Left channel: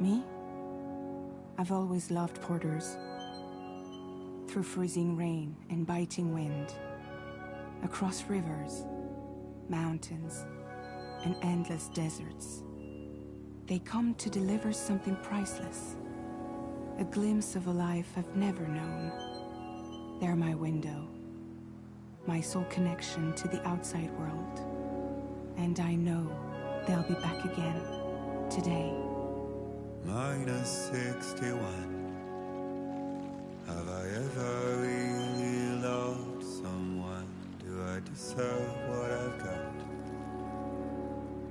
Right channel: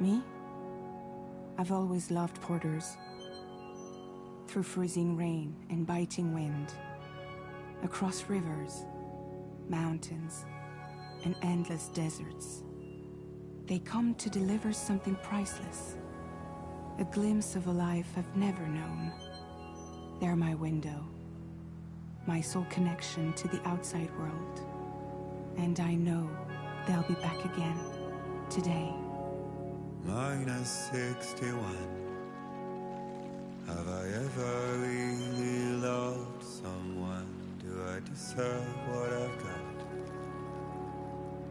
Me? I've always loved porters. Through freezing rain and biting wind, across rivers, mountains, and endless deserts, they come to deliver something priceless, a glimpse of a life I've never known. They're my window, my sole connection to the outside world. And I know they'll be back again, today. Minus 61. Have I ever really loved someone? Do I deserve what I've got?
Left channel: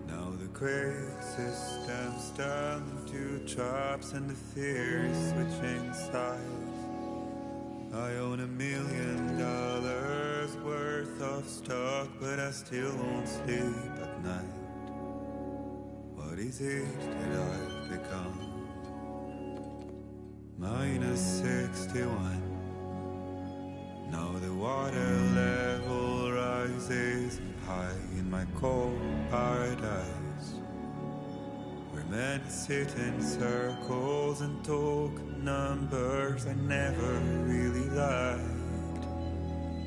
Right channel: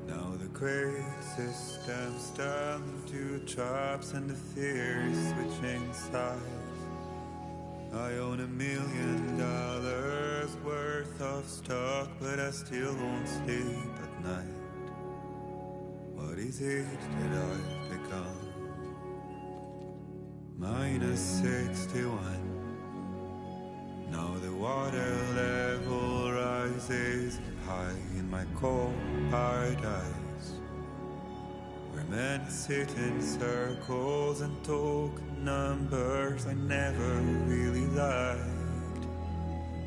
Now the great systems turn into traps and the fear is switching sides. I own $1 million worth of stock, but I still won't sleep at night. What is it that I've become? Minus 61. Now the water level rises high in my cold paradise, where men sit in circles and talk numbers I never really liked.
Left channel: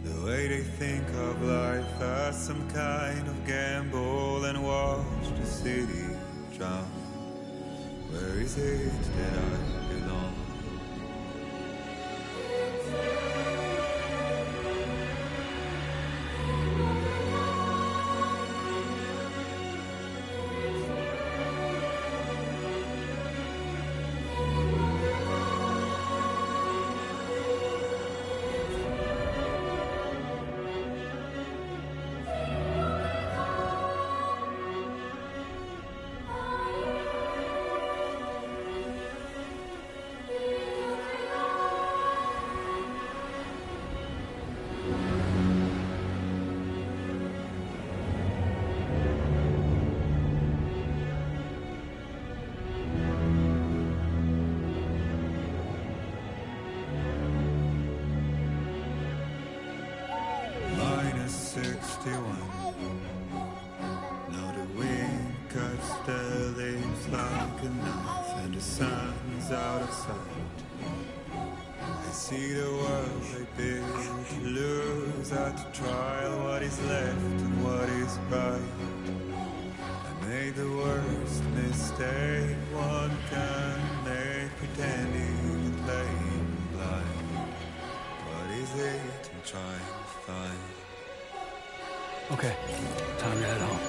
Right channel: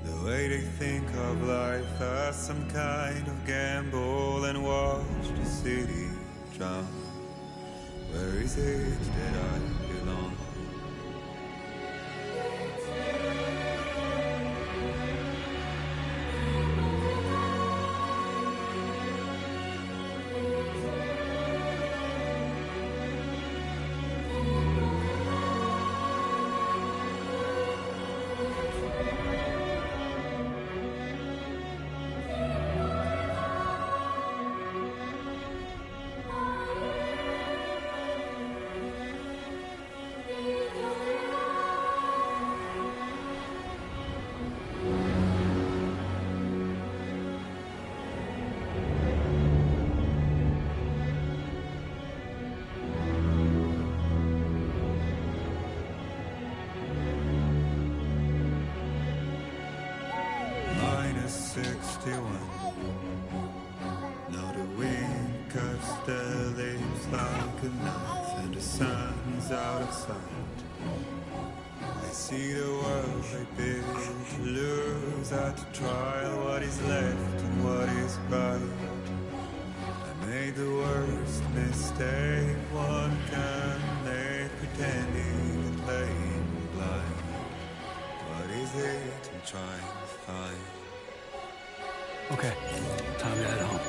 The way they think of life as some kind of gamble and watch the city drown. Where is it that I belong? Minus 61. Now the wind cuts the leaves like a knife, and the sun's out of sight. I see the world they build to lose at the trial, what is left and what is right. I made the worst mistake one can make, pretending and playing blind. What is it I'm trying to find? Okay, time to head home.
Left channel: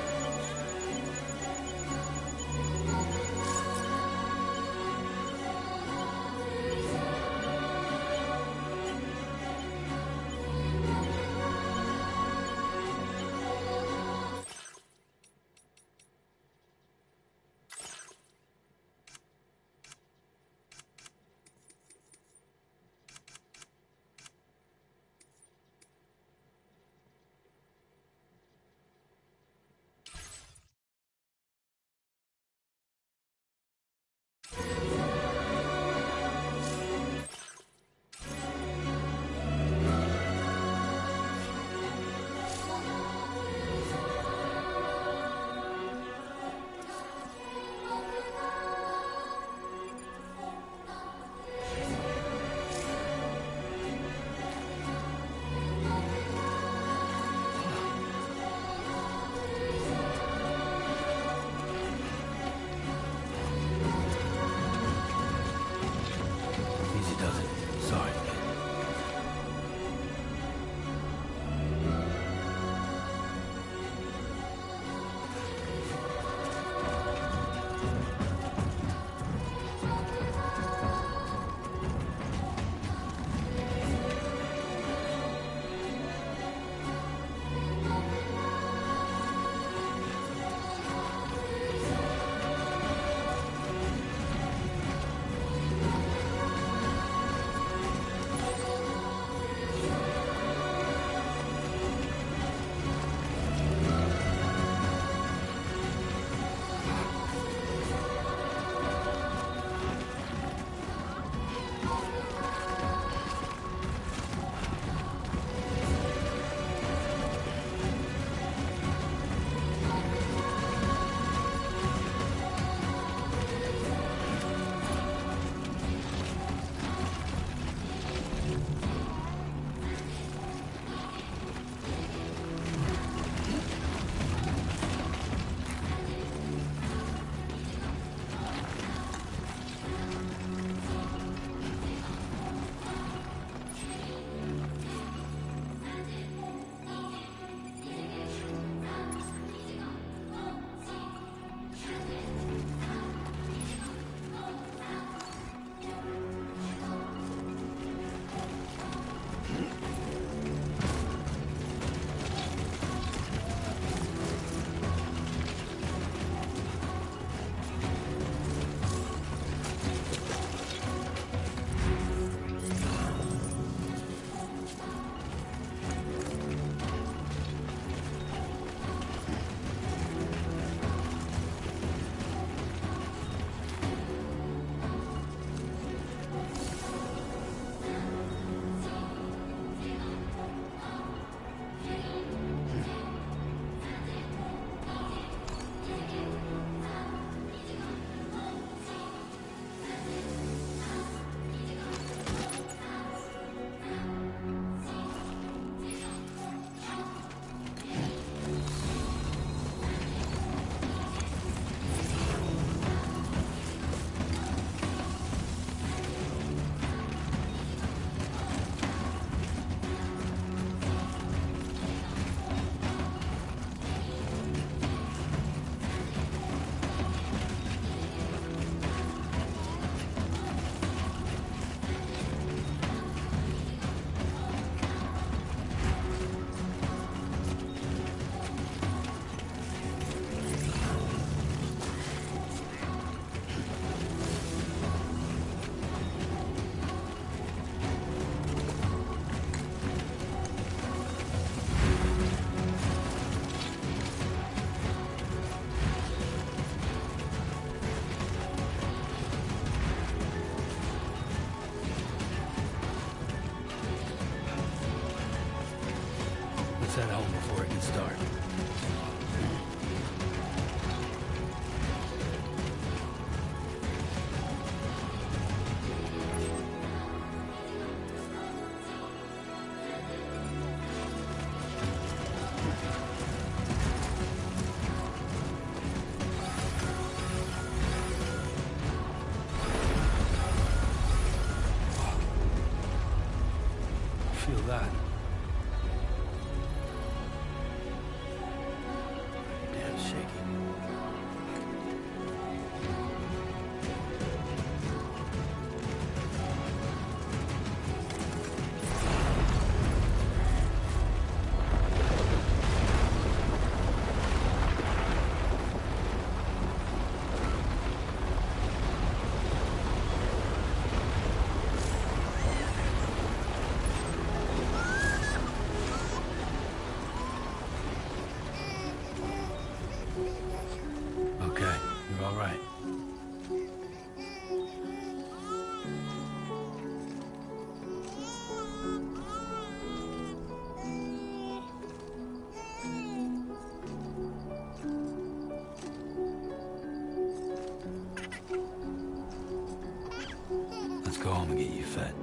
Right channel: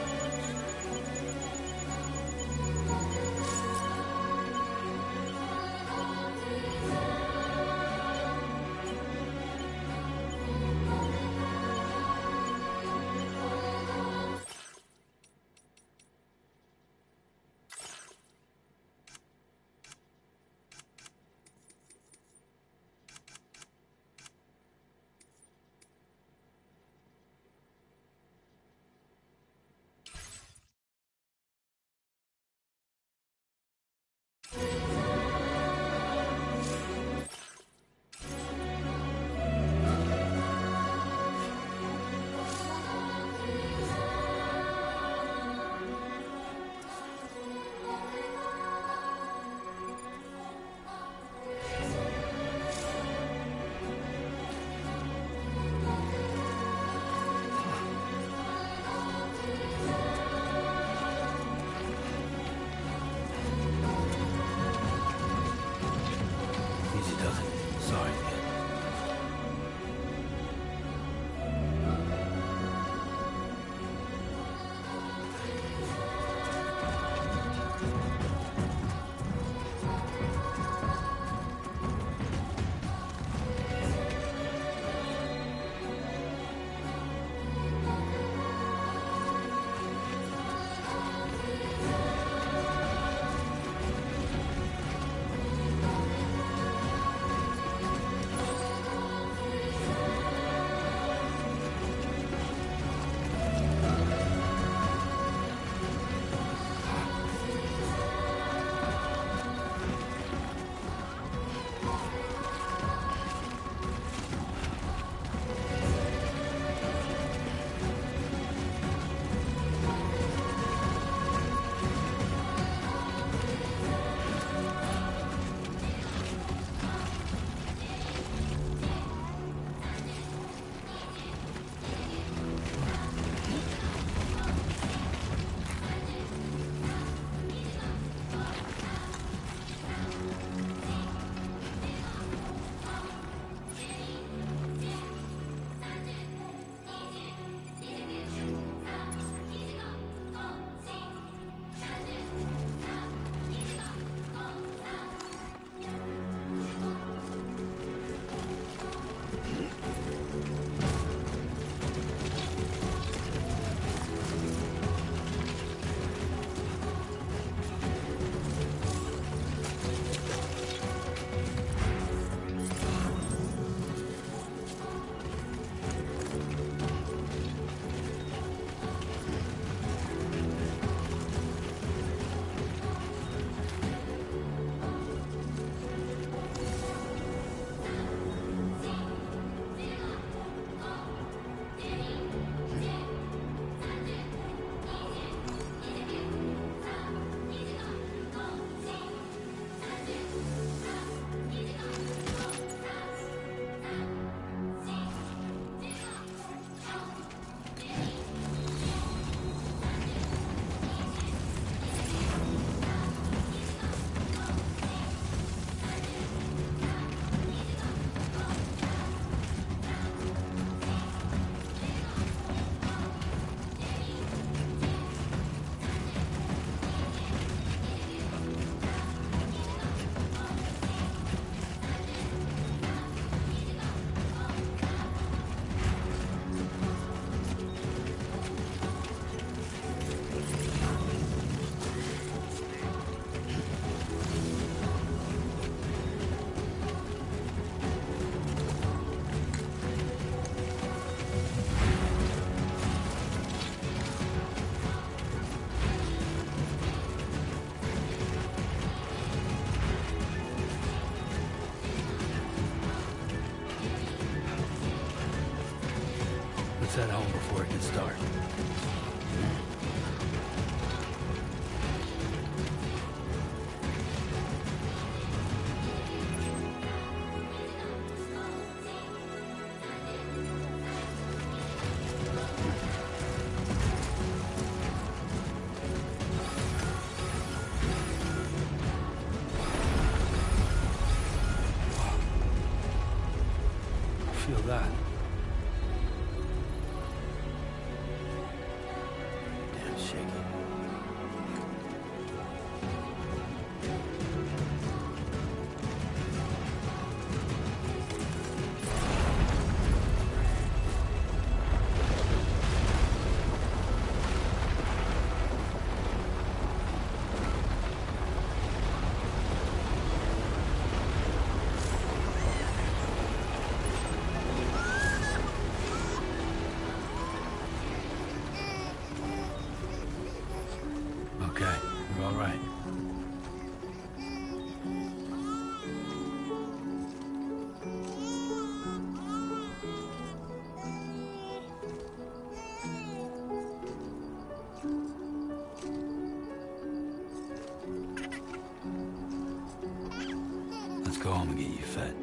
that? Damn shaky. Okay, you're all right. Let's go home and get you fed.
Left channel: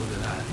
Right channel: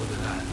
Look at that.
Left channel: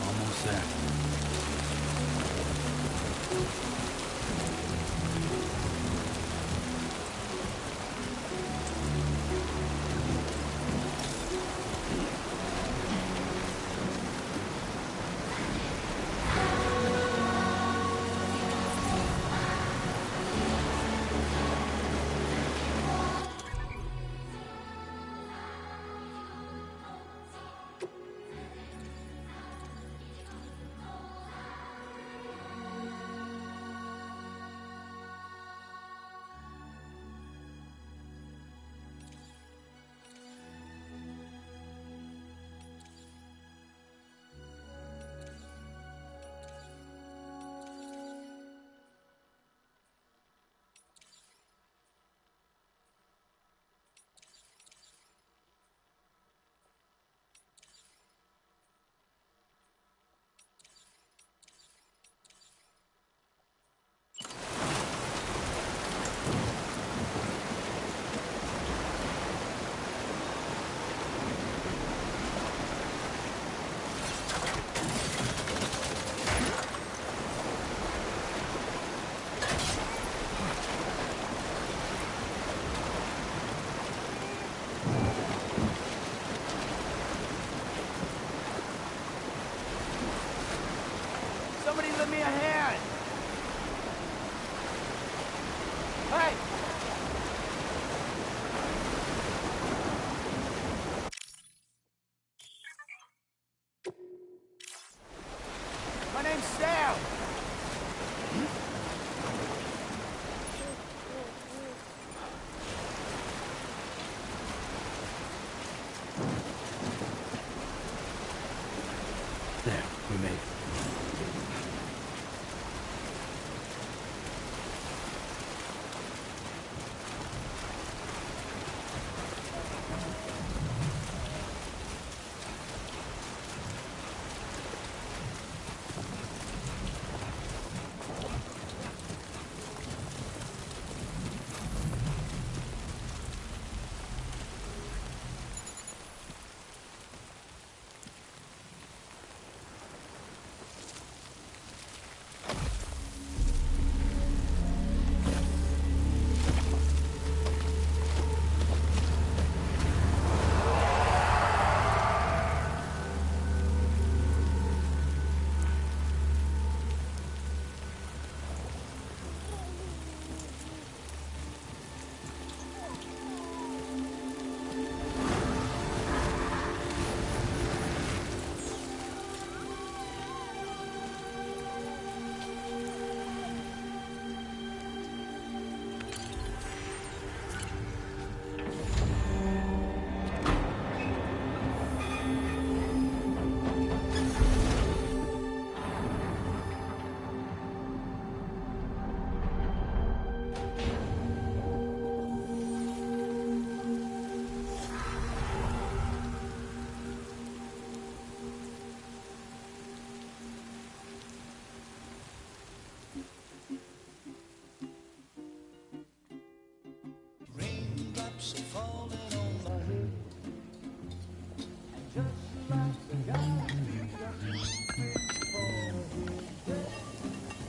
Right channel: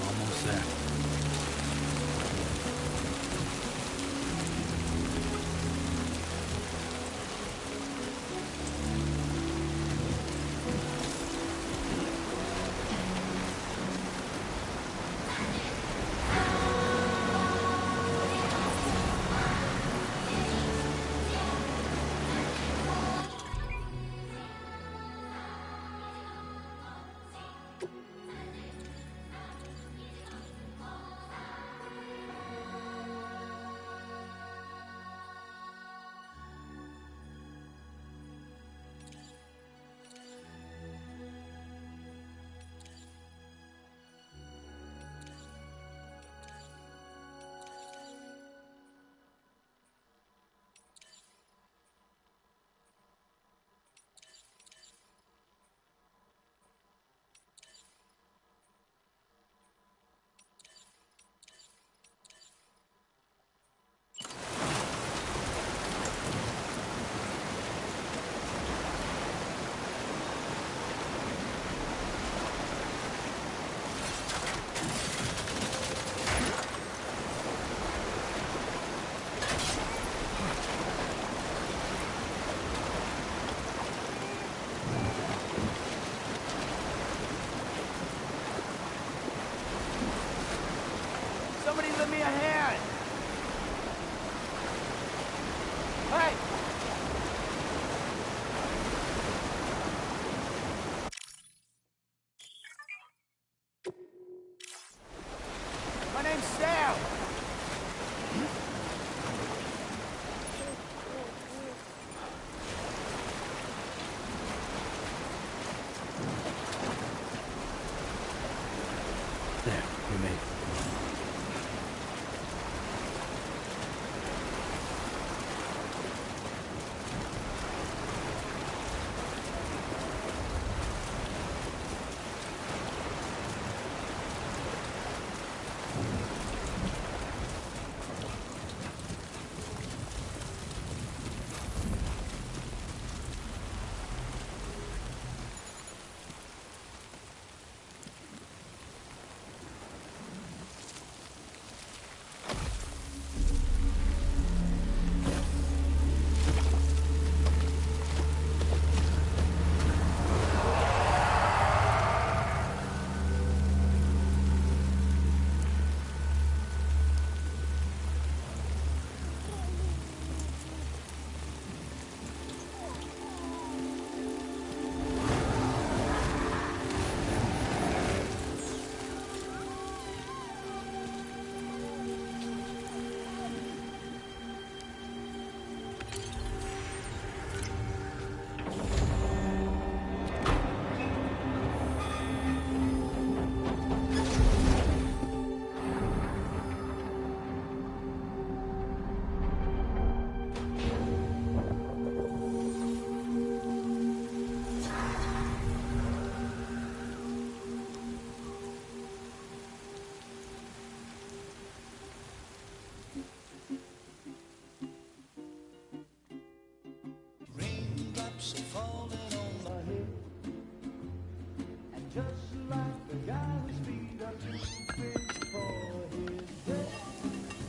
Almost there. Somebody lend me a hand! Hey! My name's Sam! There, we made it. Raindrops are falling on my head, and just like the guy whose feet are too big for his head,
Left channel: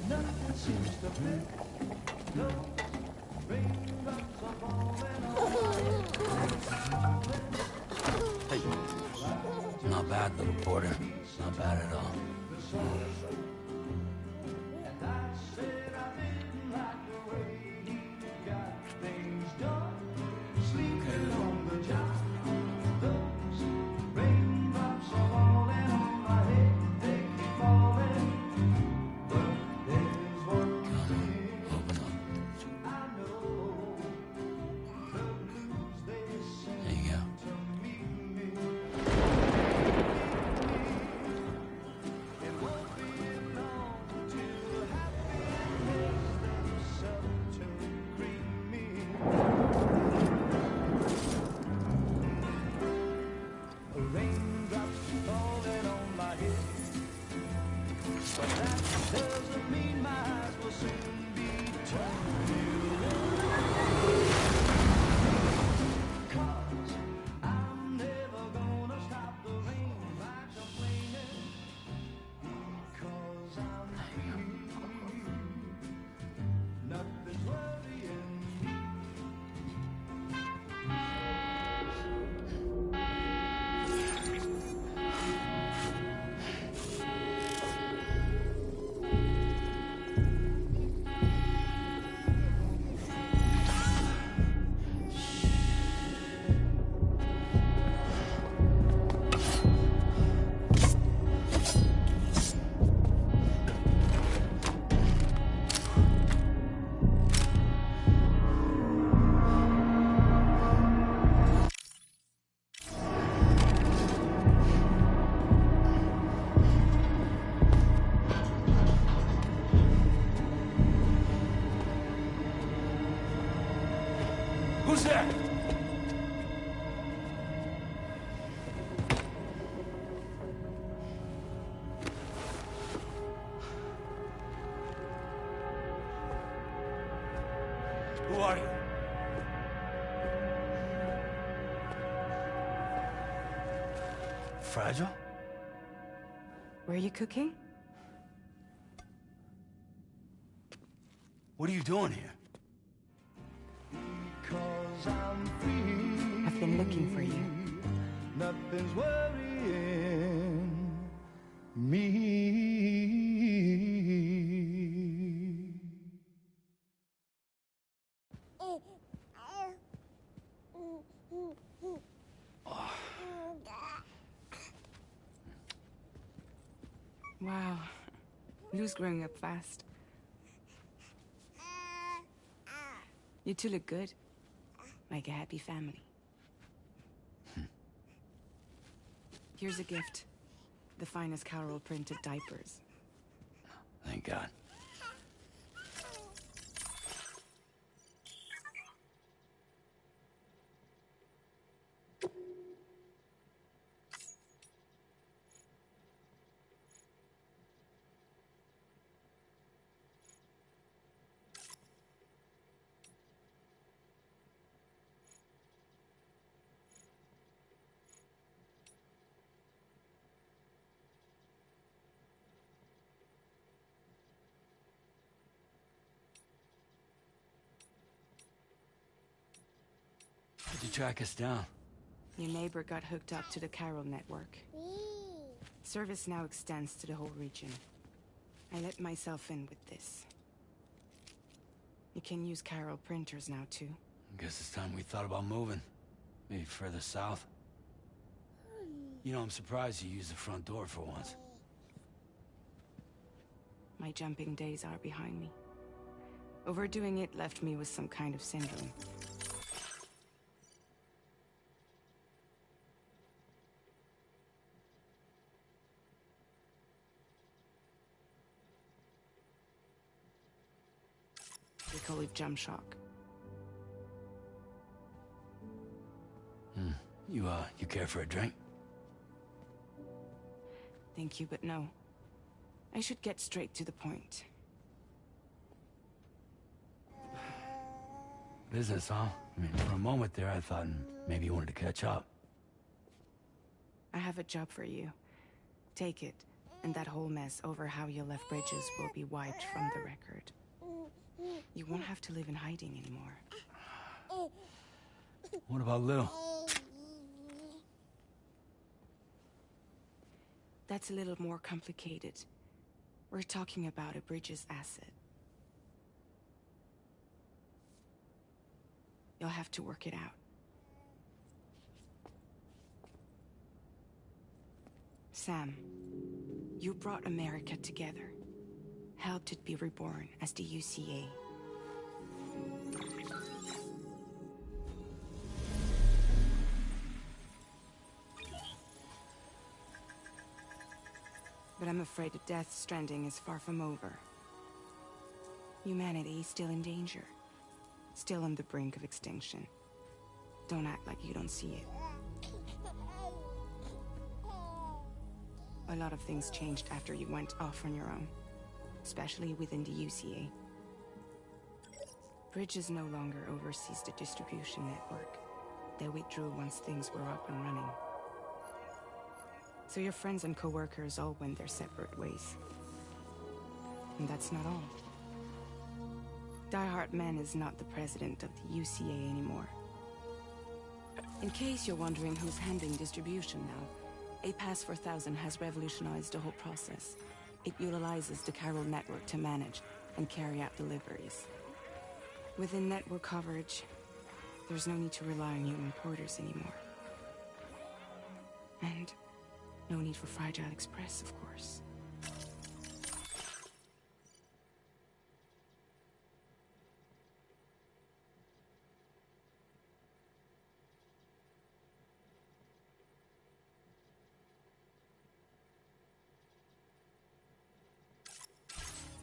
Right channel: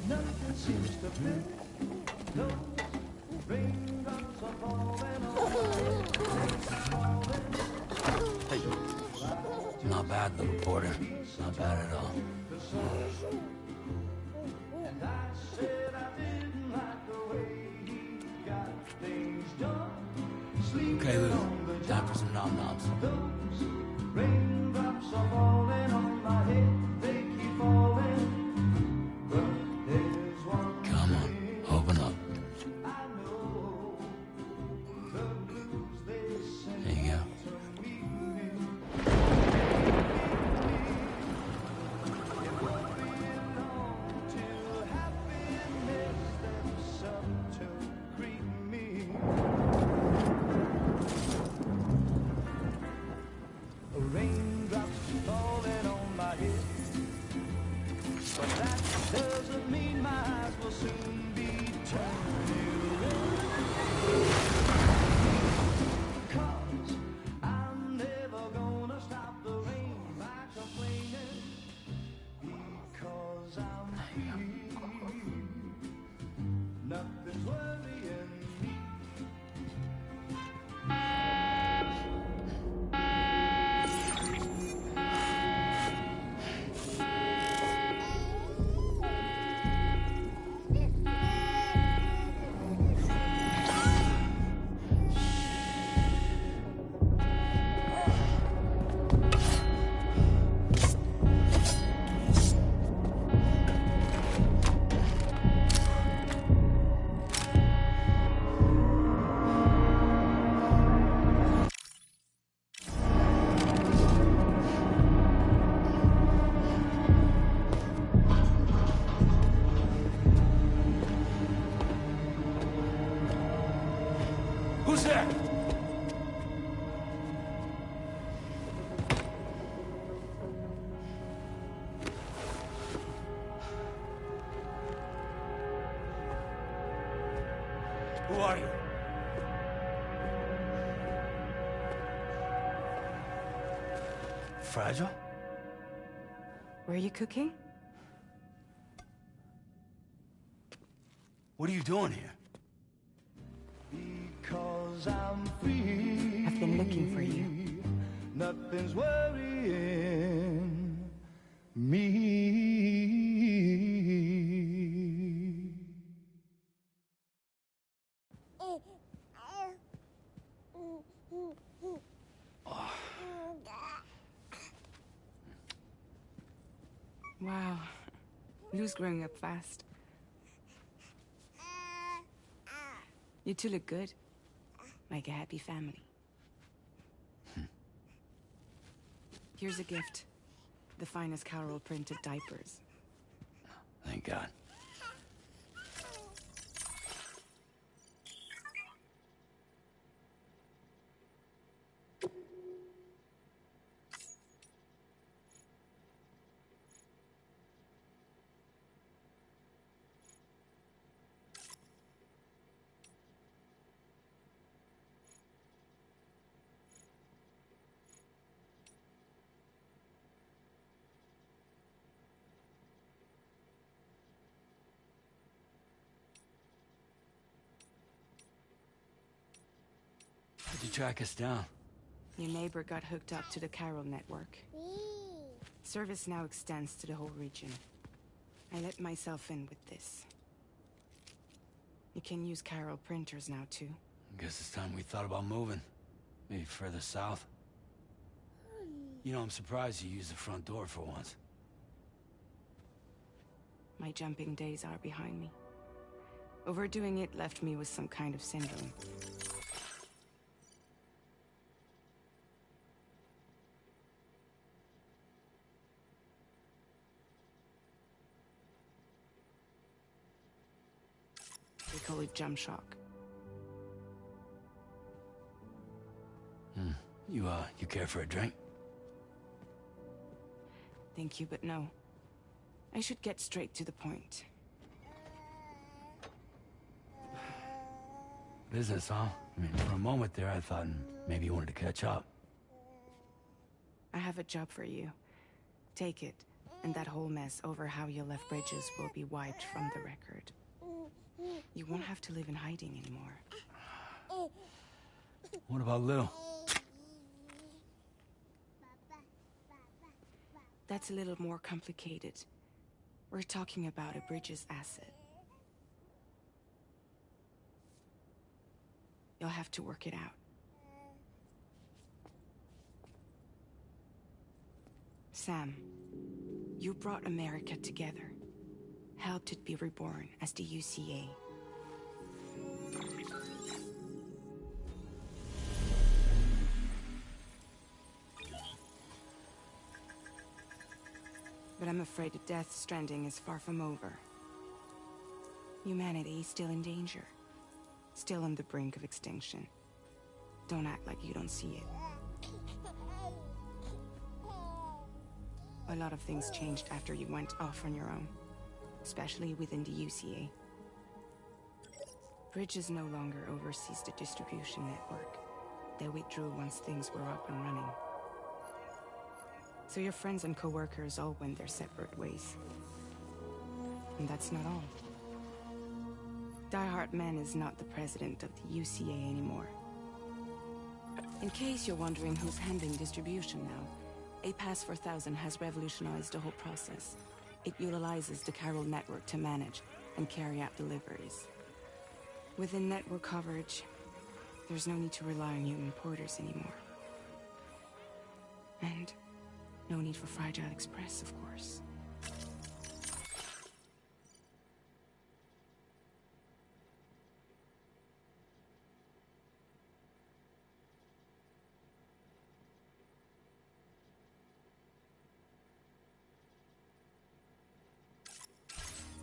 nothing seems to fit. Those raindrops are falling on my head. Hey. Not bad, little porter. Not bad at all. And I said I didn't like the way he got things done. Sleeping Okay, Lou. on the Time job. for some nom-noms. Those raindrops are falling on my head. They keep falling. But there's one Come on, open up. I know. The blues they send There you go. to meet me. It won't be long till happiness steps up to greet me. Raindrops falling on my head, but that doesn't mean my eyes will soon be turning red. 'Cause I'm never gonna stop the rain by complaining, because I'm free. Nothing's worrying me. Who's there? Who are you? Fragile? Were you cooking? What are you doing here? Because I'm free. I've been looking for you. Nothing's worrying me. Wow. Lou's growing up fast. You two look good. Like a happy family. Here's a gift. The finest Carol printed diapers. Thank God. How'd you track us down? Your neighbor got hooked up to the Carol network. Service now extends to the whole region. I let myself in with this. You can use Carol printers now, too. Guess it's time we thought about moving. Maybe further south. You know, I'm surprised you used the front door for once. My jumping days are behind me. Overdoing it left me with some kind of syndrome. They call it jump shock. You care for a drink? Thank you, but no. I should get straight to the point. Business, huh? I mean, for a moment there, I thought maybe you wanted to catch up. I have a job for you. Take it, and that whole mess over how you left bridges will be wiped from the record. You won't have to live in hiding anymore. What about Lou? that's a little more complicated. We're talking about a bridge's asset. You'll have to work it out. Sam, you brought America together. Helped it be reborn as the UCA. But I'm afraid the Death Stranding is far from over. Humanity is still in danger. Still on the brink of extinction. Don't act like you don't see it. A lot of things changed after you went off on your own. Especially within the UCA. Bridges no longer oversees the distribution network. They withdrew once things were up and running. So your friends and co-workers all went their separate ways. And that's not all. Die Hard Man is not the president of the UCA anymore. In case you're wondering who's handling distribution now, A Pass 4000 has revolutionized the whole process. It utilizes the chiral network to manage and carry out deliveries. Within network coverage, there's no need to rely on human porters anymore. And no need for Fragile Express, of course.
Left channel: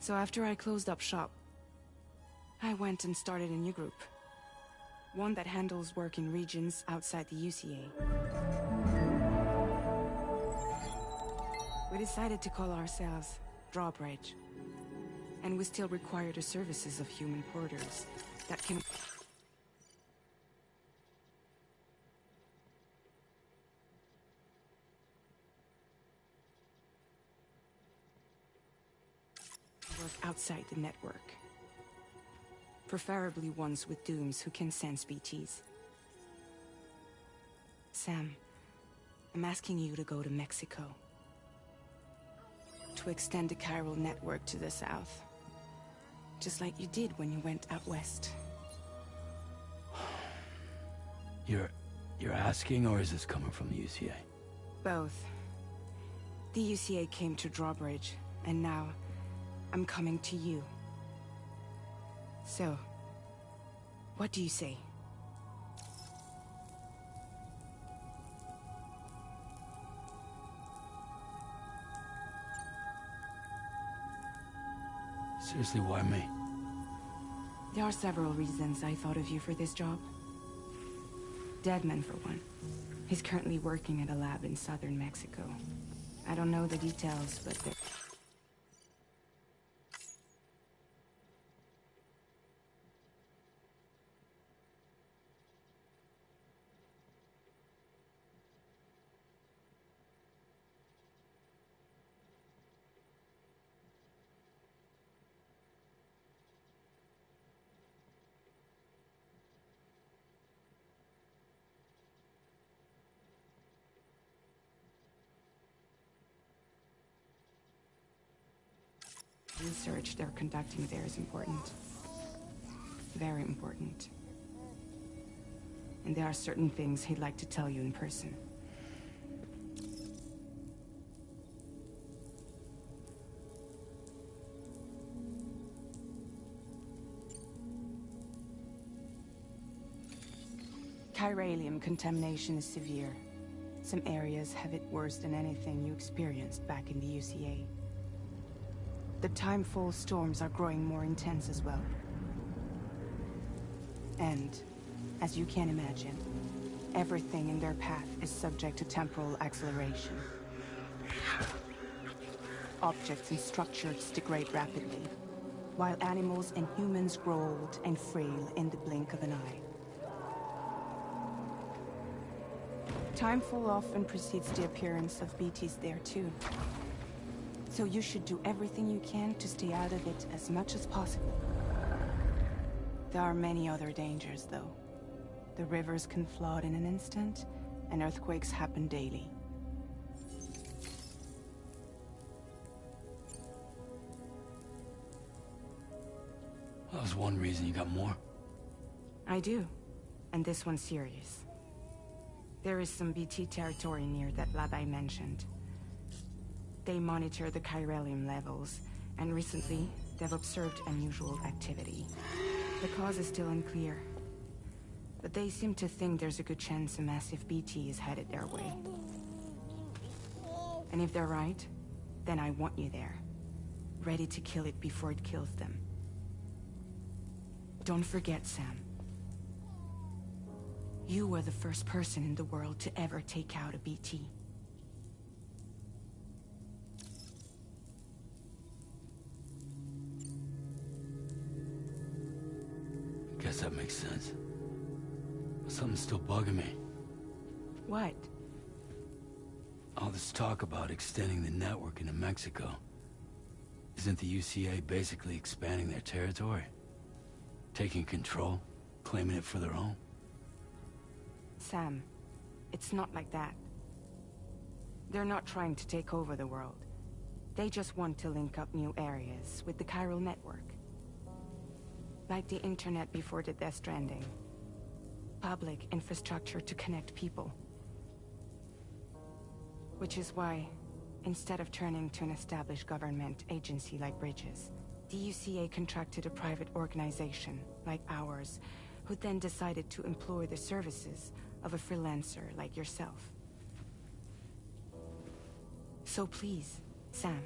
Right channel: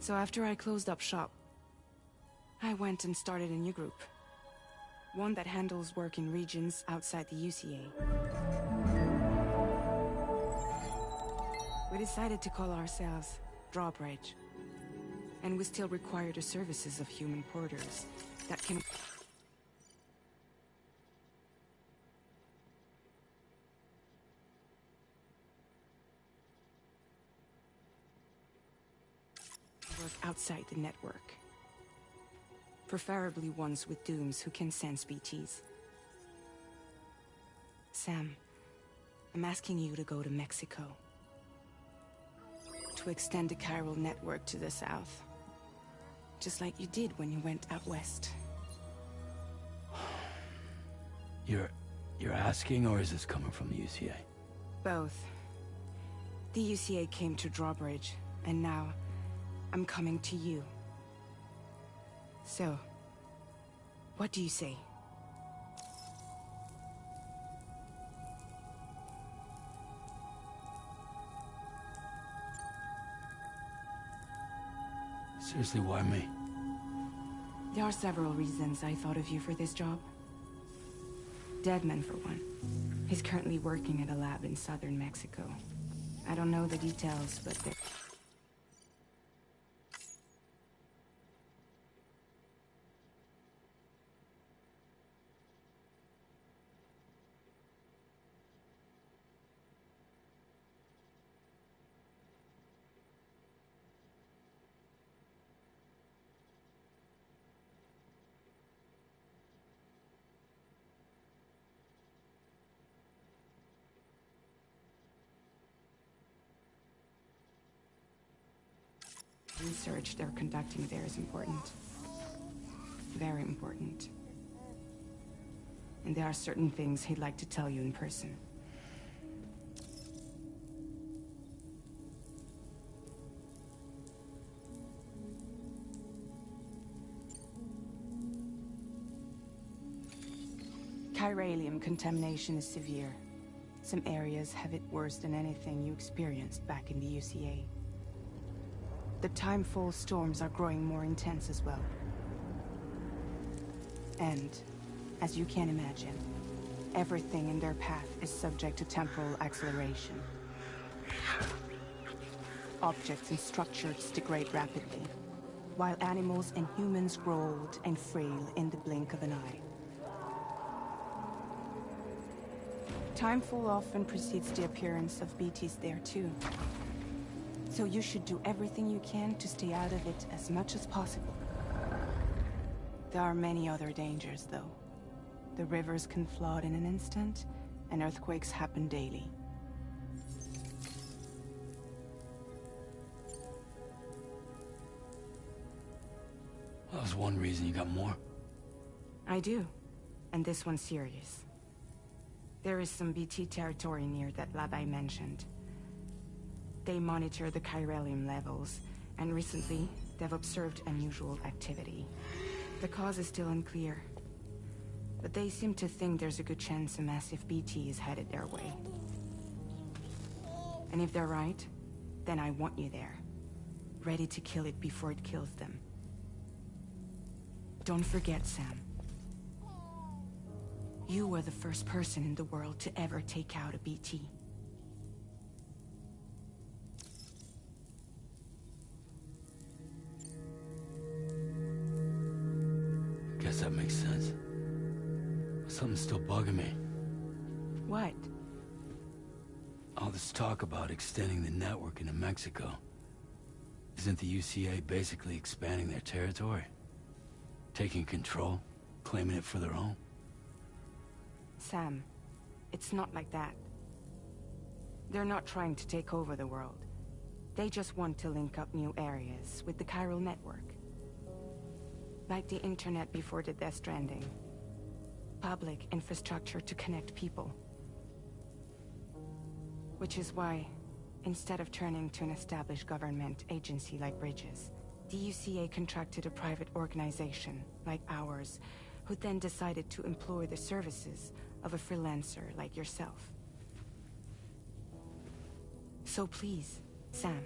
So after I closed up shop, I went and started a new group. One that handles work in regions outside the UCA. We decided to call ourselves Drawbridge. And we still require the services of human porters that can work outside the network. Preferably ones with dooms who can sense BTs. Sam, I'm asking you to go to Mexico. To extend the chiral network to the south. Just like you did when you went out west. You're asking, or is this coming from the UCA? Both. The UCA came to Drawbridge, and now I'm coming to you. So, what do you say? Seriously, why me? There are several reasons I thought of you for this job. Deadman, for one. He's currently working at a lab in southern Mexico. I don't know the details, but they're... research they're conducting there is important. Very important. And there are certain things he'd like to tell you in person. Chiralium contamination is severe. Some areas have it worse than anything you experienced back in the UCA. The timefall storms are growing more intense as well. And, as you can imagine, everything in their path is subject to temporal acceleration. Objects and structures degrade rapidly, while animals and humans grow old and frail in the blink of an eye. Timefall often precedes the appearance of BTs there too. So you should do everything you can to stay out of it as much as possible. There are many other dangers, though. The rivers can flood in an instant, and earthquakes happen daily. was one reason. You got more? I do. And this one's serious. There is some BT territory near that lab I mentioned. They monitor the chiralium levels, and recently, they've observed unusual activity. The cause is still unclear, but they seem to think there's a good chance a massive BT is headed their way. And if they're right, then I want you there, ready to kill it before it kills them. Don't forget, Sam. You were the first person in the world to ever take out a BT. Guess that makes sense. But something's still bugging me. What? All this talk about extending the network into Mexico. Isn't the UCA basically expanding their territory? Taking control? Claiming it for their own? Sam, it's not like that. They're not trying to take over the world. They just want to link up new areas with the chiral network. Like the internet before the Death Stranding. Public infrastructure to connect people. Which is why, instead of turning to an established government agency like Bridges, the UCA contracted a private organization, like ours, who then decided to employ the services of a freelancer like yourself. So please, Sam,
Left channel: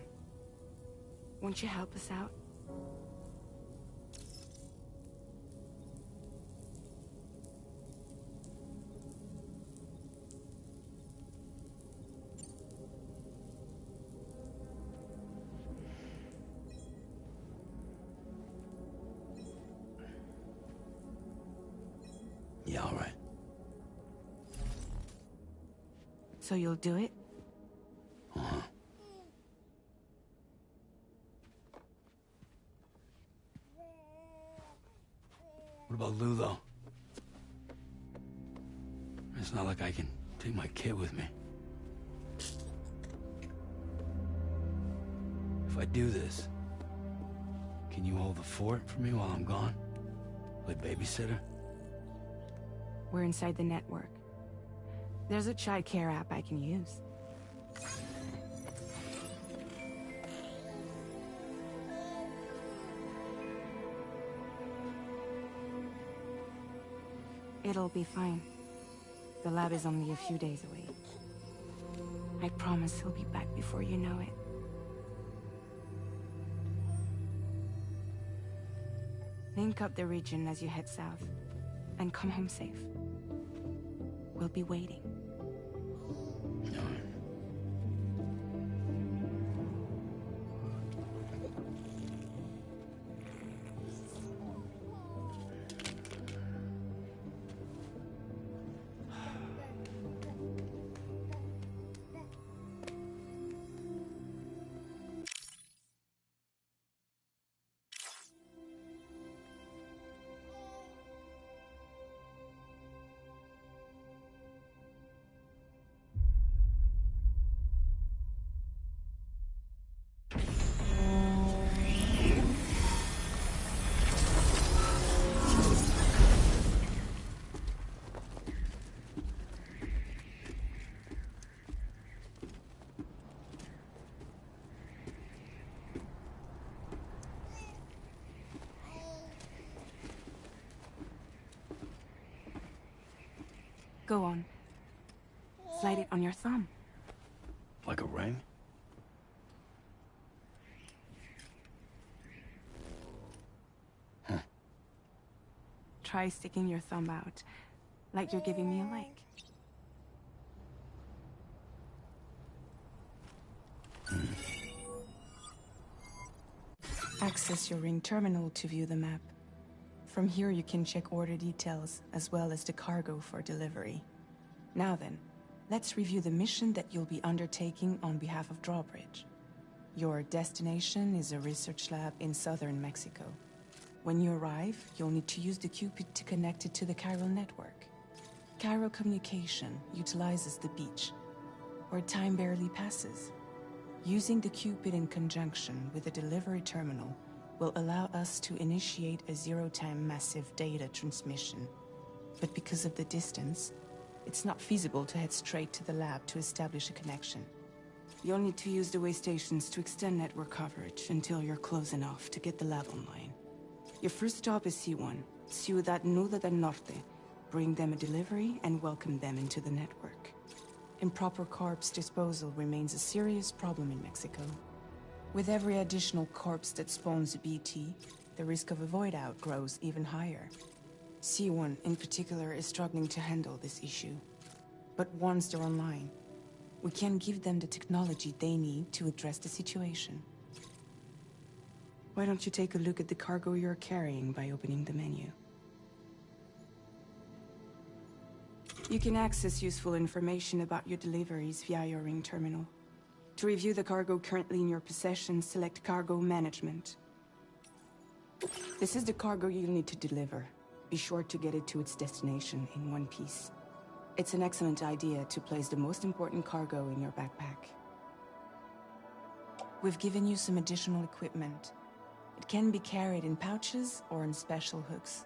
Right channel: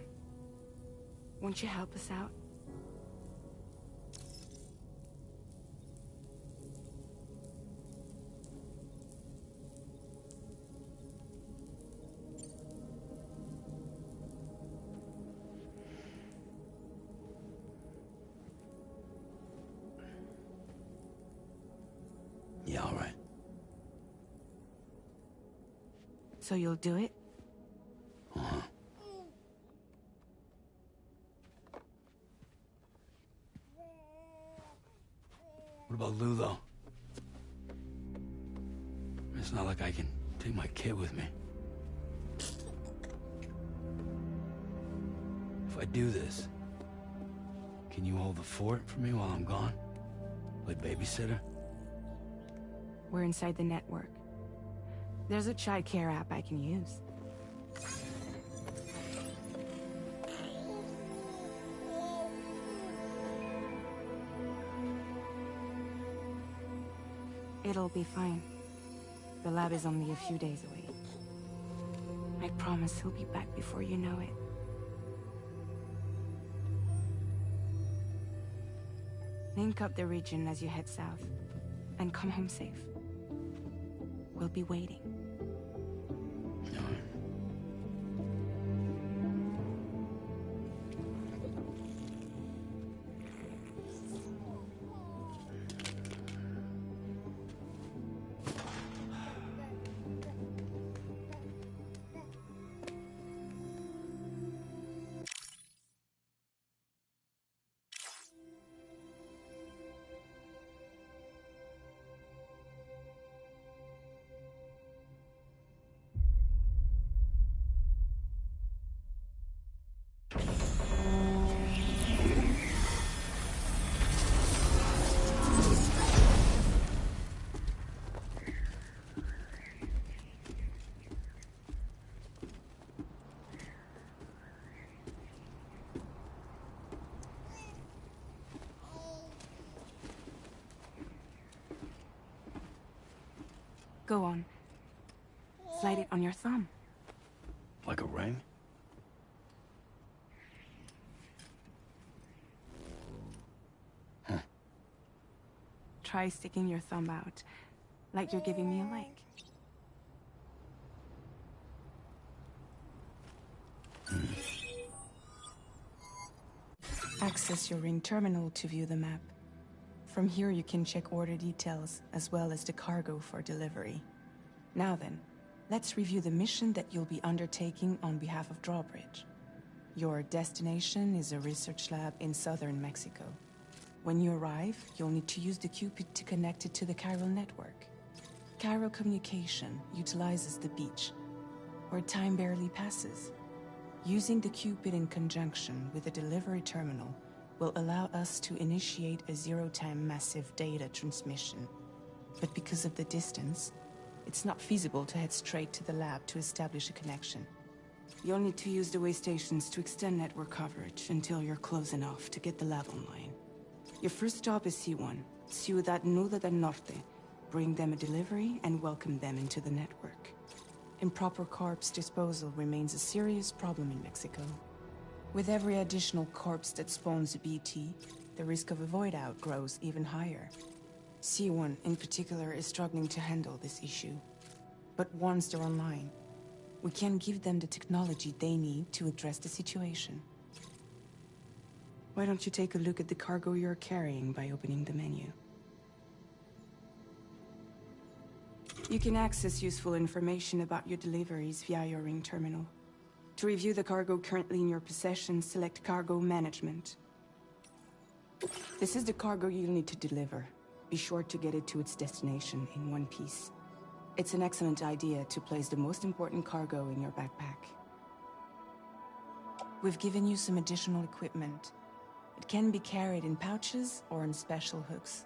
won't you help us out? Yeah, all right. So you'll do it? Uh-huh. What about Lou, though? It's not like I can take my kid with me. If I do this, can you hold the fort for me while I'm gone? Play babysitter? We're inside the network. There's a child care app I can use. It'll be fine. The lab is only a few days away. I promise he'll be back before you know it. Link up the region as you head south, and come home safe. We'll be waiting. All right. Go on. Slide it on your thumb. Like a ring? Huh. Try sticking your thumb out, like you're giving me a like. Access your ring terminal to view the map. From here you can check order details, as well as the cargo for delivery. Now then, let's review the mission that you'll be undertaking on behalf of Drawbridge. Your destination is a research lab in southern Mexico. When you arrive, you'll need to use the Cupid to connect it to the chiral network. Chiral communication utilizes the beach, where time barely passes. Using the Cupid in conjunction with the delivery terminal, will allow us to initiate a zero-time massive data transmission. But because of the distance, it's not feasible to head straight to the lab to establish a connection. You'll need to use the way stations to extend network coverage until you're close enough to get the lab online. Your first stop is C1, Ciudad Nuda del Norte. Bring them a delivery and welcome them into the network. Improper corpse disposal remains a serious problem in Mexico. With every additional corpse that spawns a BT, the risk of a void out grows even higher. C1 in particular is struggling to handle this issue. But once they're online, we can give them the technology they need to address the situation. Why don't you take a look at the cargo you're carrying by opening the menu? You can access useful information about your deliveries via your ring terminal. To review the cargo currently in your possession, select Cargo Management. This is the cargo you'll need to deliver. Be sure to get it to its destination in one piece. It's an excellent idea to place the most important cargo in your backpack. We've given you some additional equipment. It can be carried in pouches or in special hooks,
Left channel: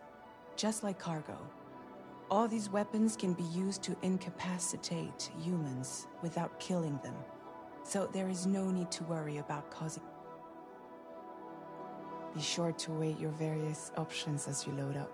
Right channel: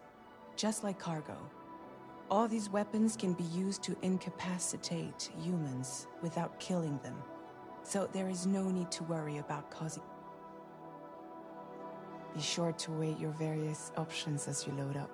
just like cargo. All these weapons can be used to incapacitate humans without killing them, so there is no need to worry about causing... Be sure to weigh your various options as you load up.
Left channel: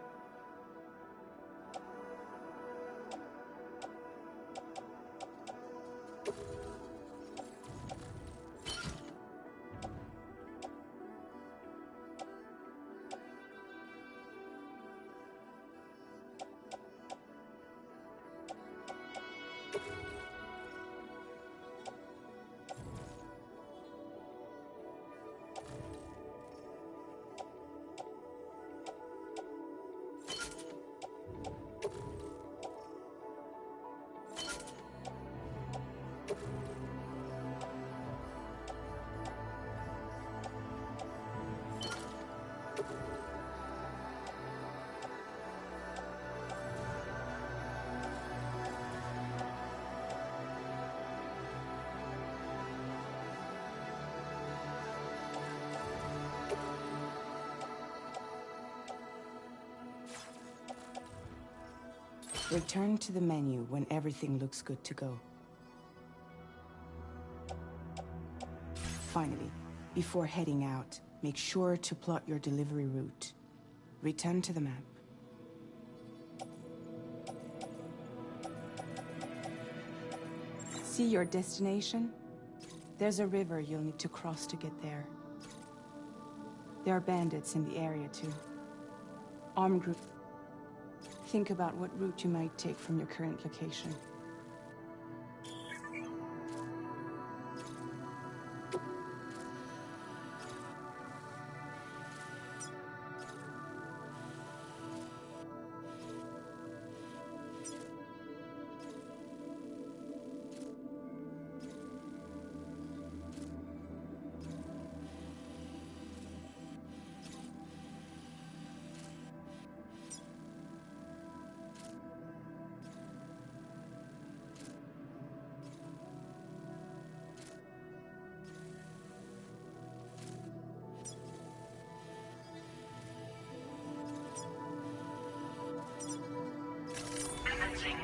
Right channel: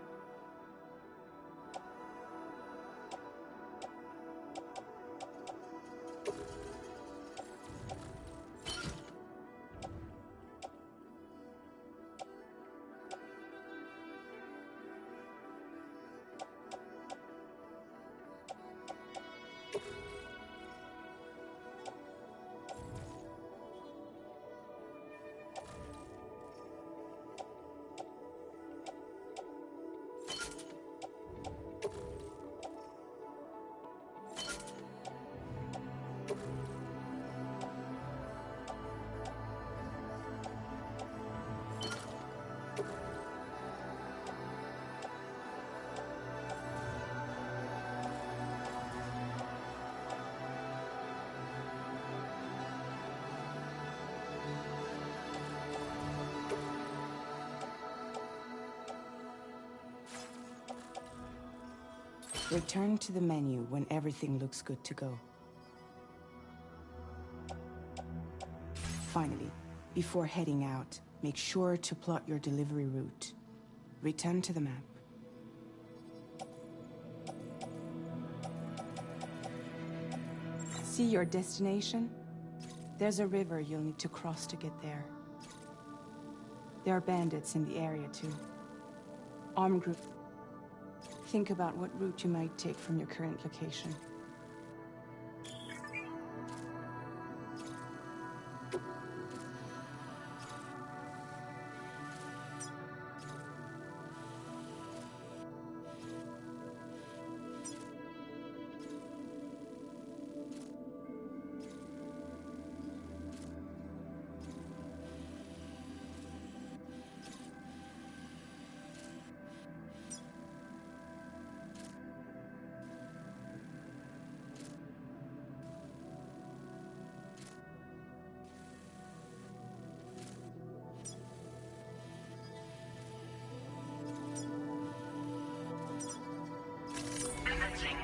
Return to the menu when everything looks good to go. Finally, before heading out, make sure to plot your delivery route. Return to the map. See your destination? There's a river you'll need to cross to get there. There are bandits in the area too. Armed group. Think about what route you might take from your current location.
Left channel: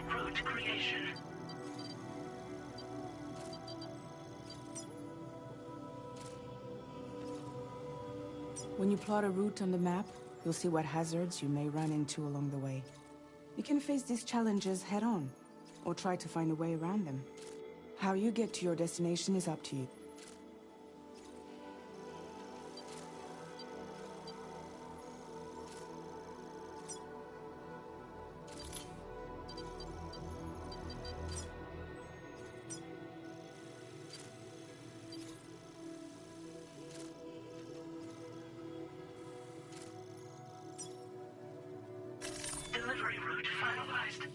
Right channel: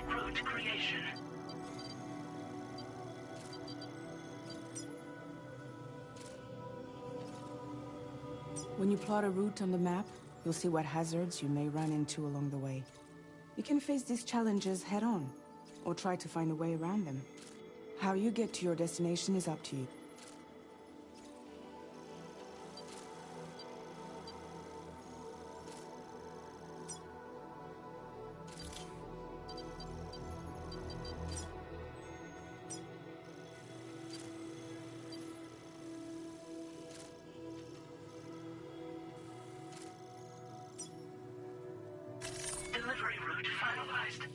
Route creation. When you plot a route on the map, you'll see what hazards you may run into along the way. You can face these challenges head-on, or try to find a way around them. How you get to your destination is up to you. Delivery route finalized.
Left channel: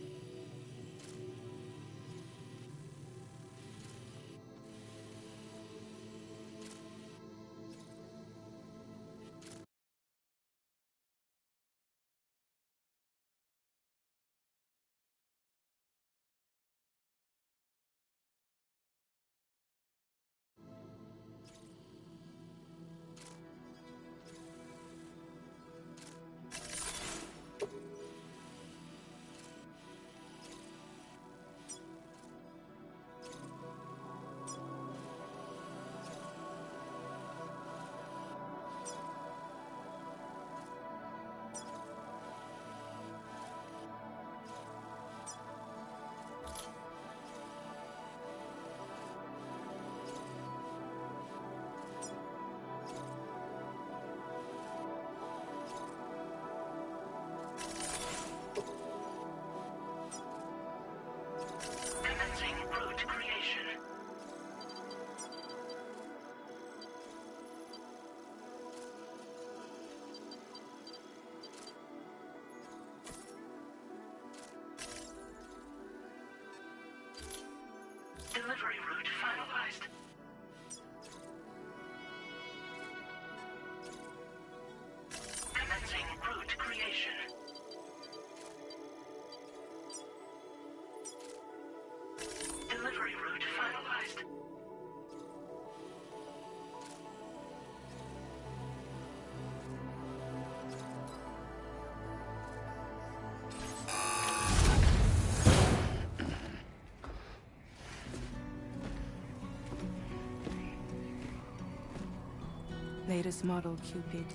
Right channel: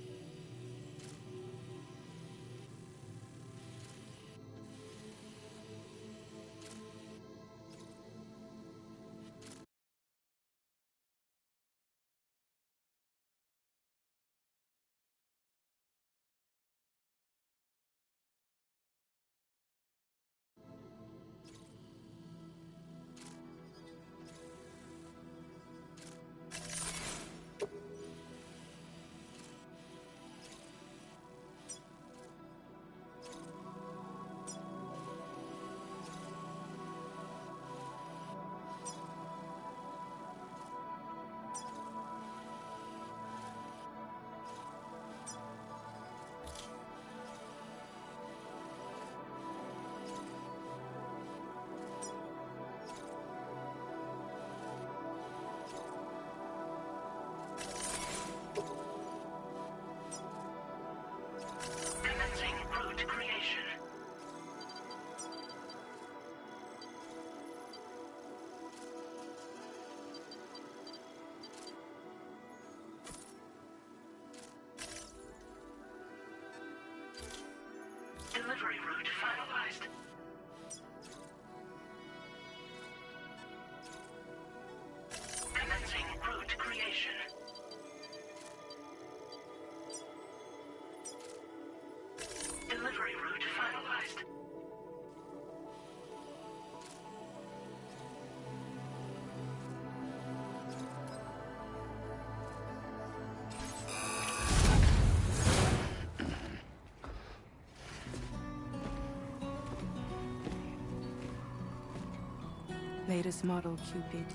Delivery route finalized. Commencing route creation. Delivery route finalized. Latest model Cupid.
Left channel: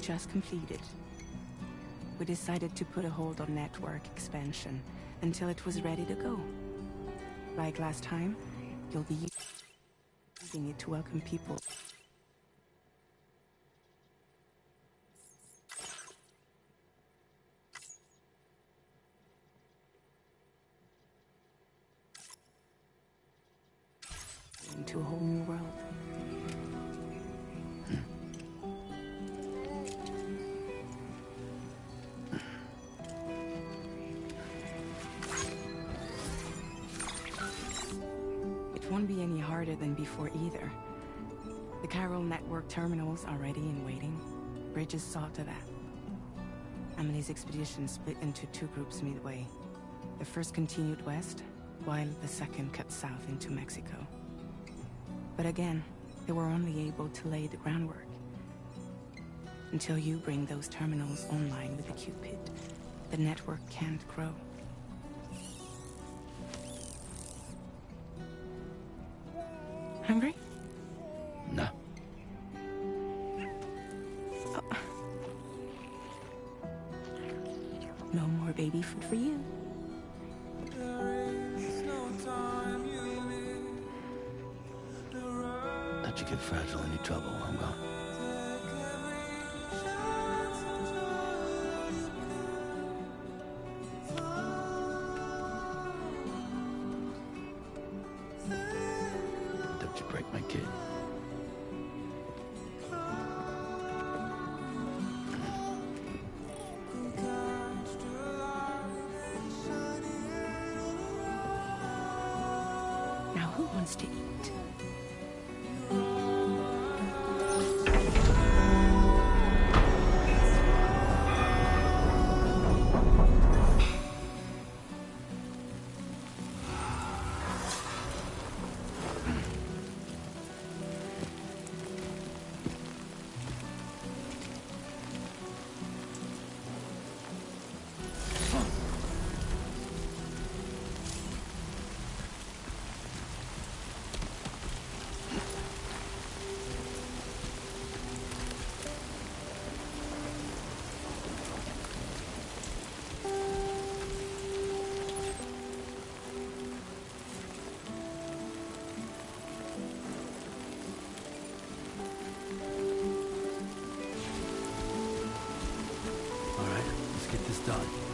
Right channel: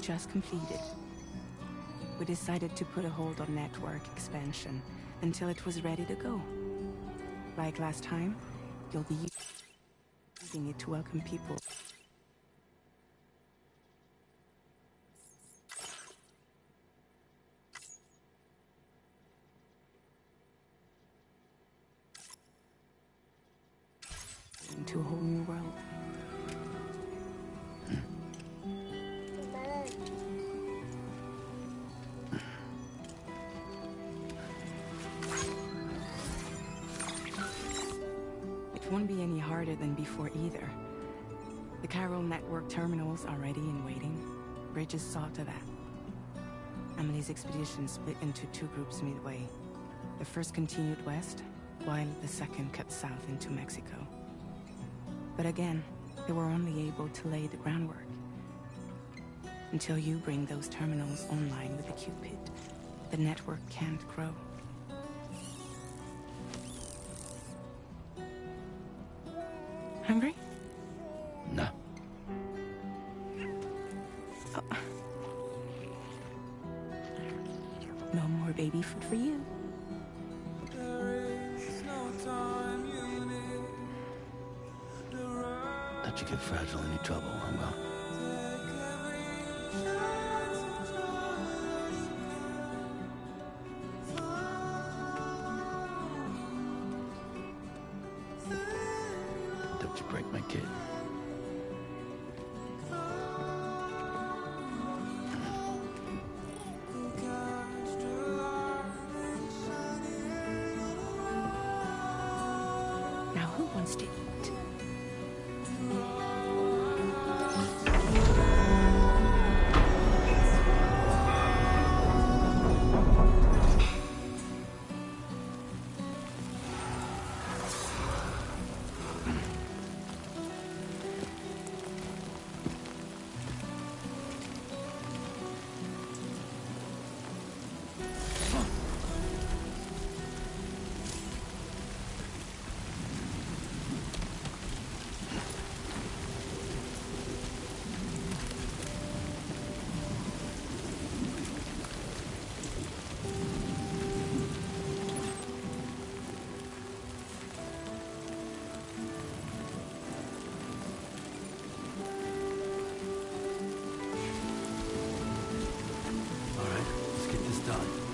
Just completed. We decided to put a hold on network expansion until it was ready to go. Like last time, you'll be using it to welcome people. Into a whole new world. It won't be any harder than before either. The Carol network terminals are ready and waiting. Bridges saw to that. Emily's expedition split into two groups midway. The first continued west, while the second cut south into Mexico. But again, they were only able to lay the groundwork. Until you bring those terminals online with the Cupid, the network can't grow. Hungry? No. Oh. No more baby food for you. Let you get fragile, any trouble, I'm gone. Don't you break my kid. Now who wants to eat? All right, let's get this done.